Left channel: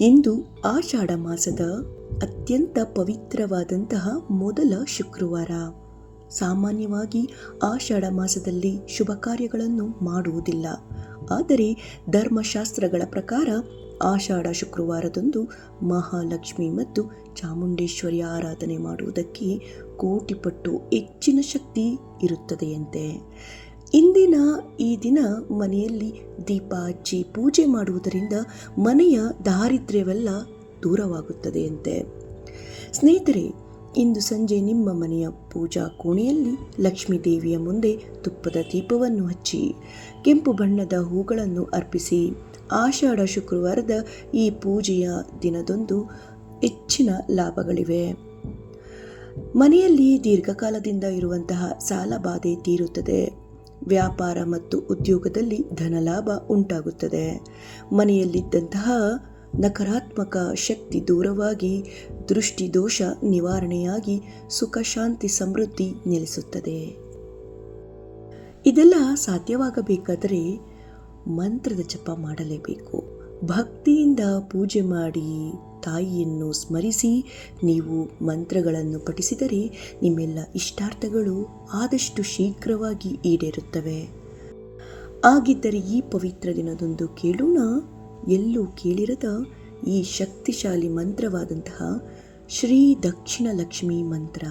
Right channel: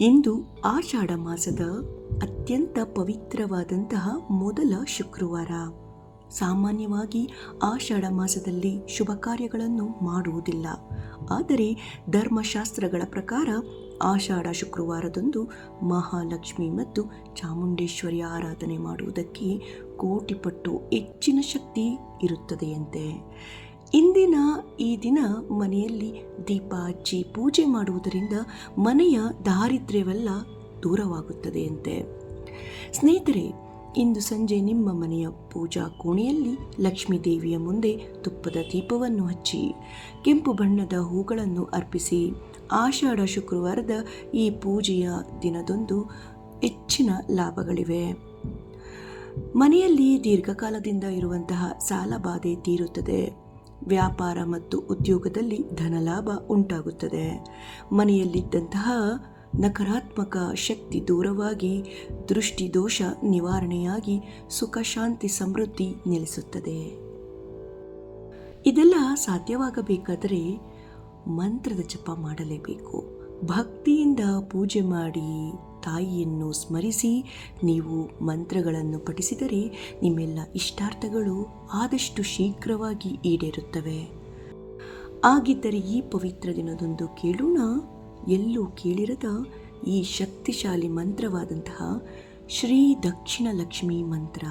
ಇಂದು ಆಷಾಢ ಮಾಸದ ಅತ್ಯಂತ ಪವಿತ್ರವಾದಂತಹ ಮೊದಲ ಶುಕ್ರವಾರ. ಸಾಮಾನ್ಯವಾಗಿ ಆಷಾಢ ಮಾಸದಲ್ಲಿ ಶುಭ ಕಾರ್ಯಗಳನ್ನು ಮಾಡುವುದಿಲ್ಲ. ಆದರೆ ಧರ್ಮಶಾಸ್ತ್ರಗಳ ಪ್ರಕಾರ ಆಷಾಢ ಶುಕ್ರವಾರದಂದು ಮಹಾಲಕ್ಷ್ಮಿ ಮತ್ತು ಚಾಮುಂಡೇಶ್ವರಿ ಆರಾಧನೆ ಮಾಡುವುದಕ್ಕೆ ಕೋಟಿಪಟ್ಟು ಹೆಚ್ಚಿನ ಶಕ್ತಿ ಇರುತ್ತದೆಯಂತೆ. ಇಂದಿನ ಈ ದಿನ ಮನೆಯಲ್ಲಿ ದೀಪ ಹಚ್ಚಿ ಪೂಜೆ ಮಾಡುವುದರಿಂದ ಮನೆಯ ದಾರಿದ್ರ್ಯವೆಲ್ಲ ದೂರವಾಗುತ್ತದೆಯಂತೆ. ಸ್ನೇಹಿತರೆ, ಇಂದು ಸಂಜೆ ನಿಮ್ಮ ಮನೆಯ ಪೂಜಾ ಕೋಣೆಯಲ್ಲಿ ಲಕ್ಷ್ಮೀ ದೇವಿಯ ಮುಂದೆ ತುಪ್ಪದ ದೀಪವನ್ನು ಹಚ್ಚಿ ಕೆಂಪು ಬಣ್ಣದ ಹೂಗಳನ್ನು ಅರ್ಪಿಸಿ. ಆಷಾಢ ಶುಕ್ರವಾರದ ಈ ಪೂಜೆಯ ದಿನದಂದು ಹೆಚ್ಚಿನ ಲಾಭಗಳಿವೆ. ಮನೆಯಲ್ಲಿ ದೀರ್ಘಕಾಲದಿಂದ ಇರುವಂತಹ ಸಾಲಬಾಧೆ ತೀರುತ್ತದೆ. ವ್ಯಾಪಾರ ಮತ್ತು ಉದ್ಯೋಗದಲ್ಲಿ ಧನಲಾಭ ಉಂಟಾಗುತ್ತದೆ. ಮನೆಯಲ್ಲಿದ್ದಂತಹ ನಕಾರಾತ್ಮಕ ಶಕ್ತಿ ದೂರವಾಗಿ ದೃಷ್ಟಿ ದೋಷ ನಿವಾರಣೆಯಾಗಿ ಸುಖ ಶಾಂತಿ ಸಮೃದ್ಧಿ ನೆಲೆಸುತ್ತದೆ. ಇದೆಲ್ಲ ಸಾಧ್ಯವಾಗಬೇಕಾದರೆ ಮಂತ್ರದ ಜಪ ಮಾಡಲೇಬೇಕು. ಭಕ್ತಿಯಿಂದ ಪೂಜೆ ಮಾಡಿ ತಾಯಿಯನ್ನು ಸ್ಮರಿಸಿ ನೀವು ಮಂತ್ರಗಳನ್ನು ಪಠಿಸಿದರೆ ನಿಮ್ಮೆಲ್ಲ ಇಷ್ಟಾರ್ಥಗಳು ಆದಷ್ಟು ಶೀಘ್ರವಾಗಿ ಈಡೇರುತ್ತವೆ. ಹಾಗಿದ್ದರೆ ಈ ಪವಿತ್ರ ದಿನದಂದು ಕೇಳೋಣ ಎಲ್ಲೂ ಕೇಳಿರದ ಈ ಶಕ್ತಿಶಾಲಿ ಮಂತ್ರವಾದಂತಹ ಶ್ರೀ ದಕ್ಷಿಣ ಲಕ್ಷ್ಮಿ ಮಂತ್ರ.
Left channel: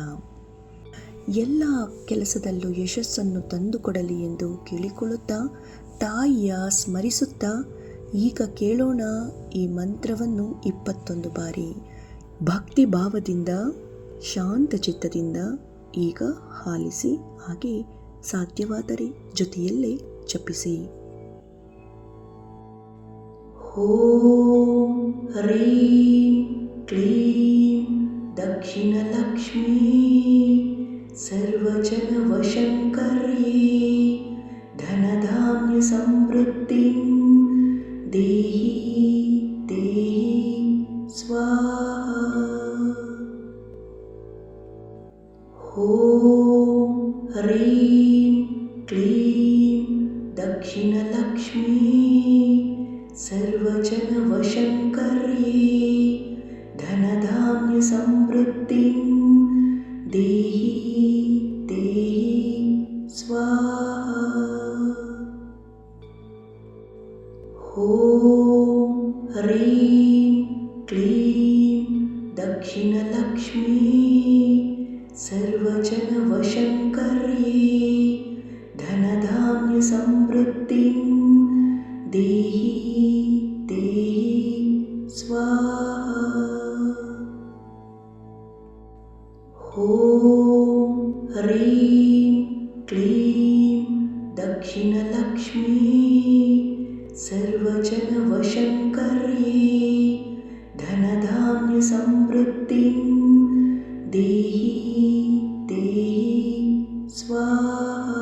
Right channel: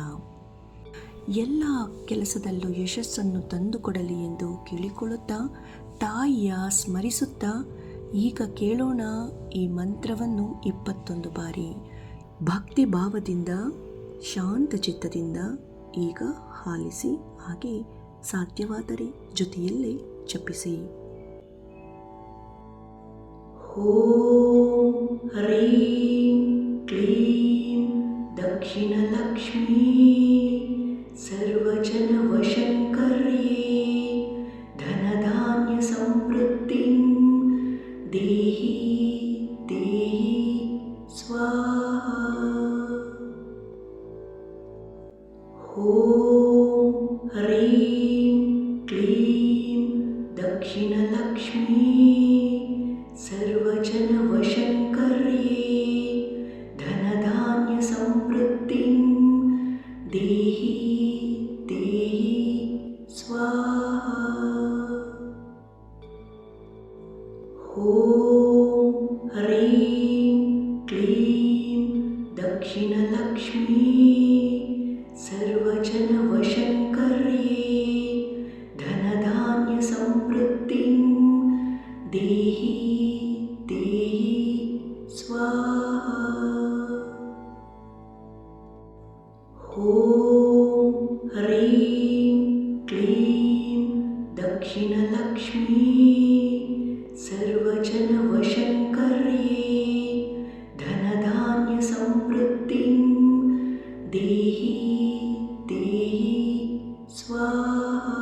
ಎಲ್ಲ ಕೆಲಸದಲ್ಲೂ ಯಶಸ್ಸನ್ನು ತಂದುಕೊಡಲಿ ಎಂದು ಕೇಳಿಕೊಳ್ಳುತ್ತಾ ತಾಯಿಯ ಸ್ಮರಿಸುತ್ತಾ ಈಗ ಕೇಳೋಣ ಈ ಮಂತ್ರವನ್ನು 21 ಬಾರಿ ಭಕ್ತಿ ಭಾವದಿಂದ ಶಾಂತ ಚಿತ್ತದಿಂದ ಈಗ ಆಲಿಸಿ. ಹಾಗೆ ಸಾಧ್ಯವಾದರೆ ಜೊತೆಯಲ್ಲೇ ಜಪಿಸಿ. ಓಂ ಹ್ರೀಂ ಕ್ಲೀಂ ದಕ್ಷಿಣ ಲಕ್ಷ್ಮೀ ಸರ್ವಜನ ವಶಂಕರ್ಯೇ ಧನಧಾನ್ಯ ಸಮೃದ್ಧಿ ದೇಹಿ ದೇಹಿ ಸ್ವಾಹಾ. ಓಂ ಹ್ರೀಂ ಕ್ಲೀಂ ದಕ್ಷಿಣ ಲಕ್ಷ್ಮೀ ಸರ್ವಜನ ವಶಂಕರ್ಯೇ ಧನಧಾನ್ಯ ಸಮೃದ್ಧಿ ದೇಹಿ ದೇಹಿ ಸ್ವಾಹಾ. ಓಂ ಹ್ರೀಂ ಕ್ಲೀಂ ದಕ್ಷಿಣ ಲಕ್ಷ್ಮೀ ಸರ್ವಜನ ವಶಂಕರ್ಯೇ ಧನಧಾನ್ಯ ಸಮೃದ್ಧಿ ದೇಹಿ ದೇಹಿ ಸ್ವಾಹಾ. ಓಂ ಹ್ರೀಂ ಕ್ಲೀಂ ದಕ್ಷಿಣ ಲಕ್ಷ್ಮೀ ಸರ್ವಜನ ವಶಂಕರ್ಯೇ ಧನಧಾನ್ಯ ಸಮೃದ್ಧಿ ದೇಹಿ ದೇಹಿ ಸ್ವಾಹಾ.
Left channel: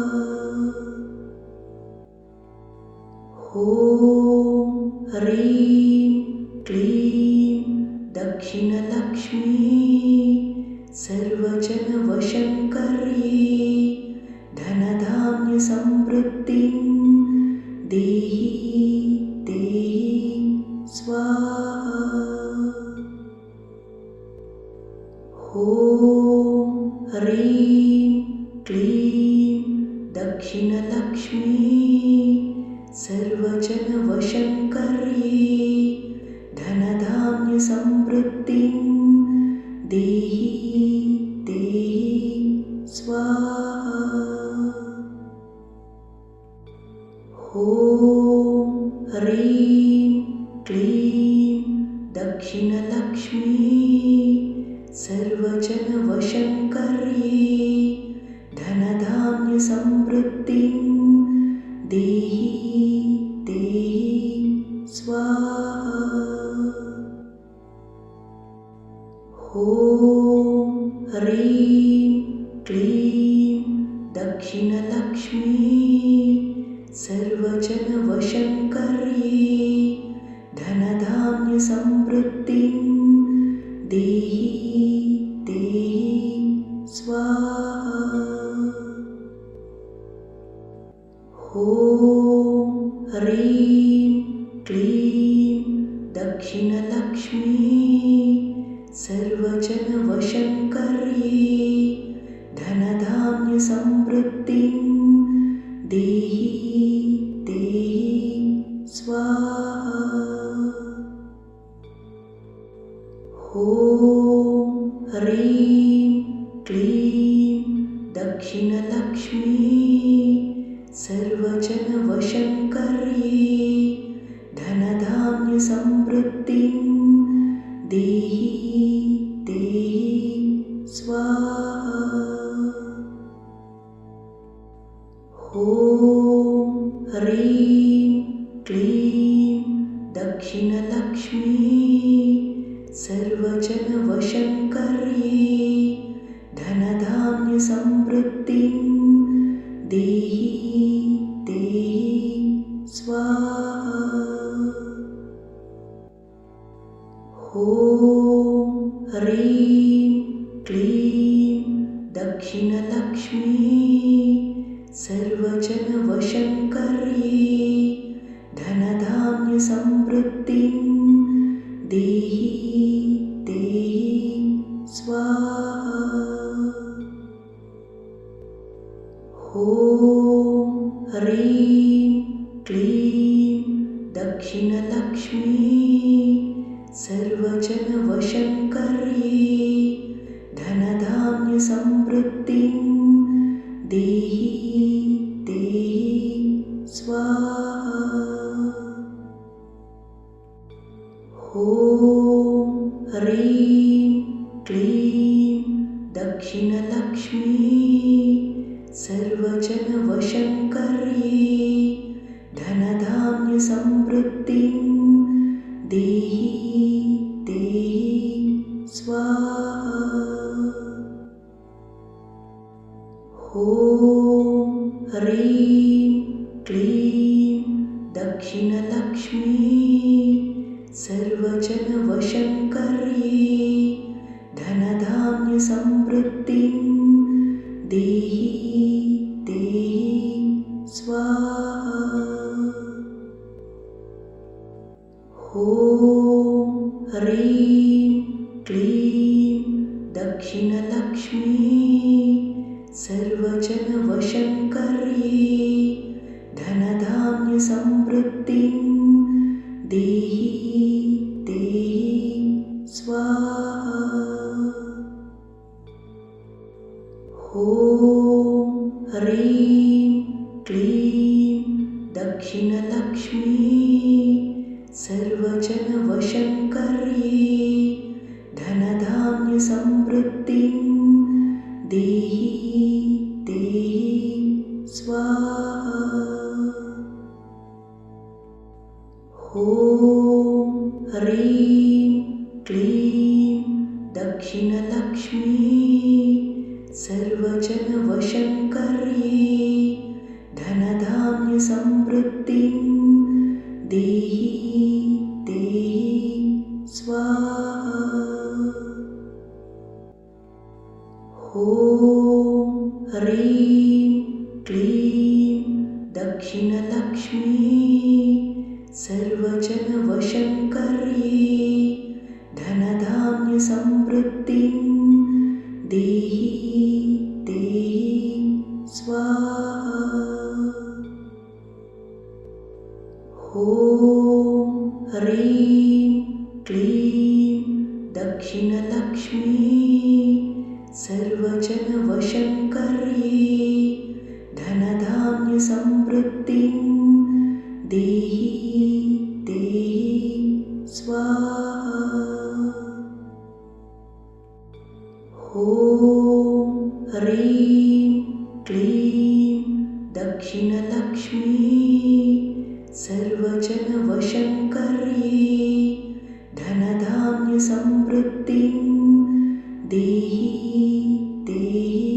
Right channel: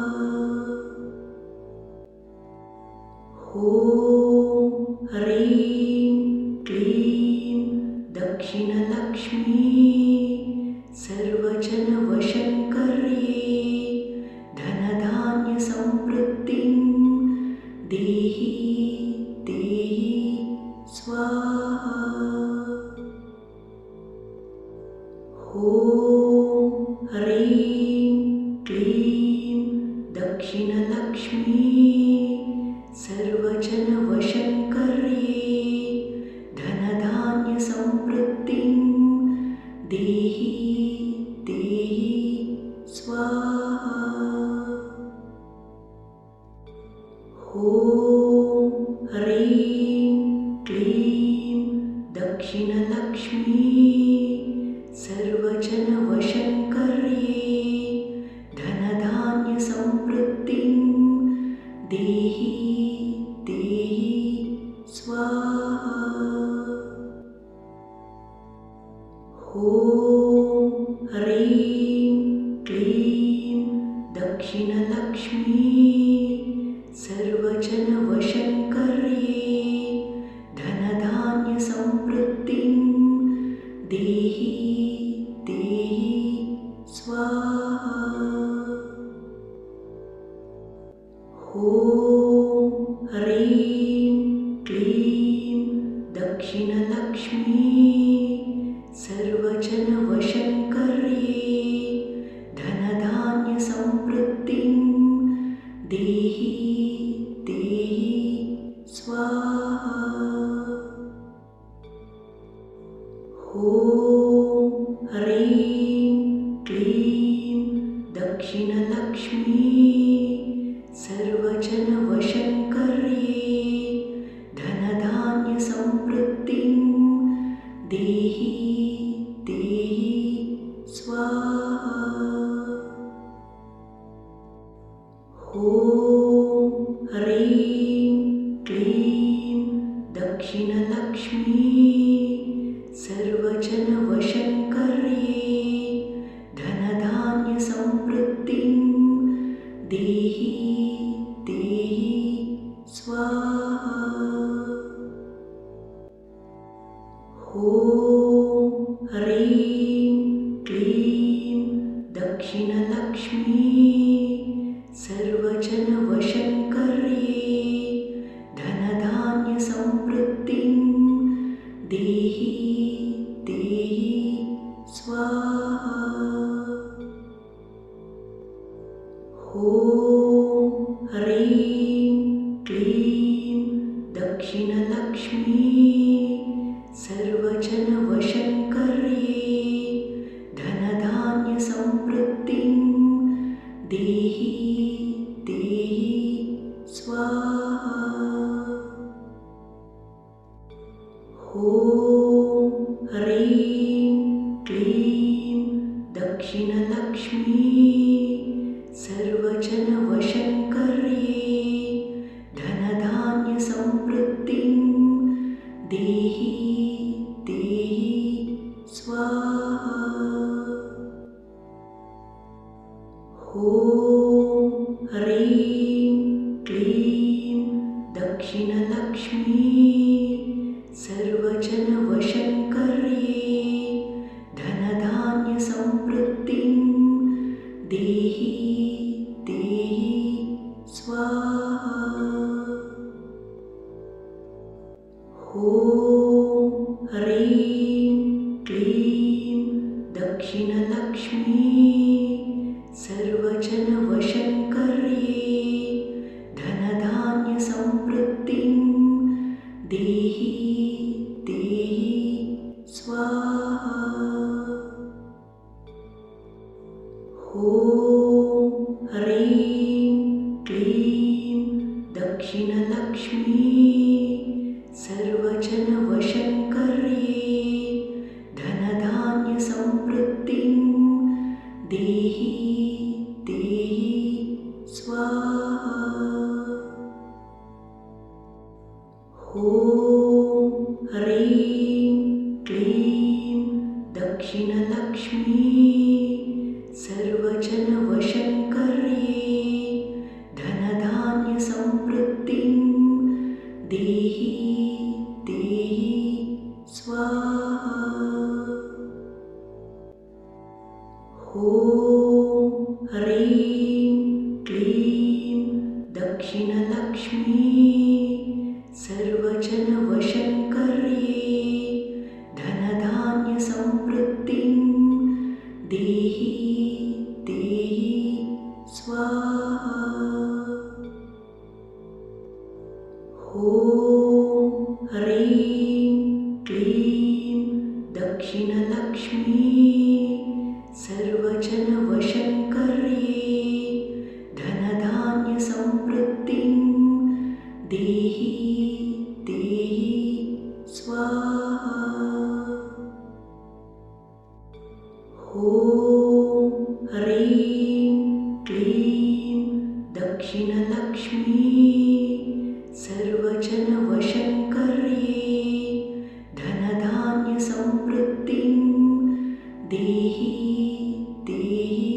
ಓಂ ಹ್ರೀಂ ಕ್ಲೀಂ ದಕ್ಷಿಣ ಲಕ್ಷ್ಮೀ ಸರ್ವಜನ ವಶಂಕರ್ಯೇ ಧನಧಾನ್ಯ ಸಮೃದ್ಧಿ ದೇಹಿ ದೇಹಿ ಸ್ವಾಹಾ. ಓಂ ಹ್ರೀಂ ಕ್ಲೀಂ ದಕ್ಷಿಣ ಲಕ್ಷ್ಮೀ ಸರ್ವಜನ ವಶಂಕರ್ಯೇ ಧನಧಾನ್ಯ ಸಮೃದ್ಧಿ ದೇಹಿ ದೇಹಿ ಸ್ವಾಹಾ. ಓಂ ಹ್ರೀಂ ಕ್ಲೀಂ ದಕ್ಷಿಣ ಲಕ್ಷ್ಮೀ ಸರ್ವಜನ ವಶಂಕರ್ಯೇ ಧನಧಾನ್ಯ ಸಮೃದ್ಧಿ ದೇಹಿ ದೇಹಿ ಸ್ವಾಹಾ. ಓಂ ಹ್ರೀಂ ಕ್ಲೀಂ ದಕ್ಷಿಣ ಲಕ್ಷ್ಮೀ ಸರ್ವಜನ ವಶಂಕರ್ಯೇ ಧನಧಾನ್ಯ ಸಮೃದ್ಧಿ सर्वजनवशङ्कर्ये धनधान्यसमृद्धिं देहि देहि स्वाहा। ॐ ह्रीं क्लीं दक्षिणलक्ष्मी सर्वजनवशङ्कर्ये धनधान्यसमृद्धिं देहि देहि स्वाहा। ॐ ह्रीं क्लीं दक्षिणलक्ष्मी सर्वजनवशङ्कर्ये धनधान्यसमृद्धिं देहि देहि स्वाहा। ॐ ह्रीं क्लीं दक्षिणलक्ष्मी सर्वजनवशङ्कर्ये धनधान्यसमृद्धिं देहि देहि स्वाहा। ॐ ह्रीं क्लीं दक्षिणलक्ष्मी सर्वजनवशङ्कर्ये धनधान्यसमृद्धिं देहि देहि स्वाहा। ॐ ह्रीं क्लीं दक्षिणलक्ष्मी सर्वजनवशङ्कर्ये धनधान्यसमृद्धिं देहि देहि स्वाहा। ॐ ह्रीं क्लीं दक्षिणलक्ष्मी सर्वजनवशङ्कर्ये धनधान्यसमृद्धिं देहि देहि स्वाहा। ॐ ह्रीं क्लीं दक्षिणलक्ष्मी सर्वजनवशङ्कर्ये धनधान्यसमृद्धिं देहि देहि स्वाहा। ॐ ह्रीं क्लीं दक्षिणलक्ष्मी सर्वजनवशङ्कर्ये धनधान्यसमृद्धिं देहि देहि स्वाहा। ॐ ह्रीं क्लीं दक्षिणलक्ष्मी सर्वजनवशङ्कर्ये धनधान्यसमृद्धिं देहि देहि स्वाहा। ॐ ह्रीं क्लीं दक्षिणलक्ष्मी सर्वजनवशङ्कर्ये धनधान्यसमृद्धिं देहि देहि स्वाहा। ॐ ह्रीं क्लीं दक्षिणलक्ष्मी सर्वजनवशङ्कर्ये धनधान्यसमृद्धिं देहि देहि स्वाहा। ॐ ह्रीं क्लीं दक्षिणलक्ष्मी सर्वजनवशङ्कर्ये धनधान्यसमृद्धिं देहि देहि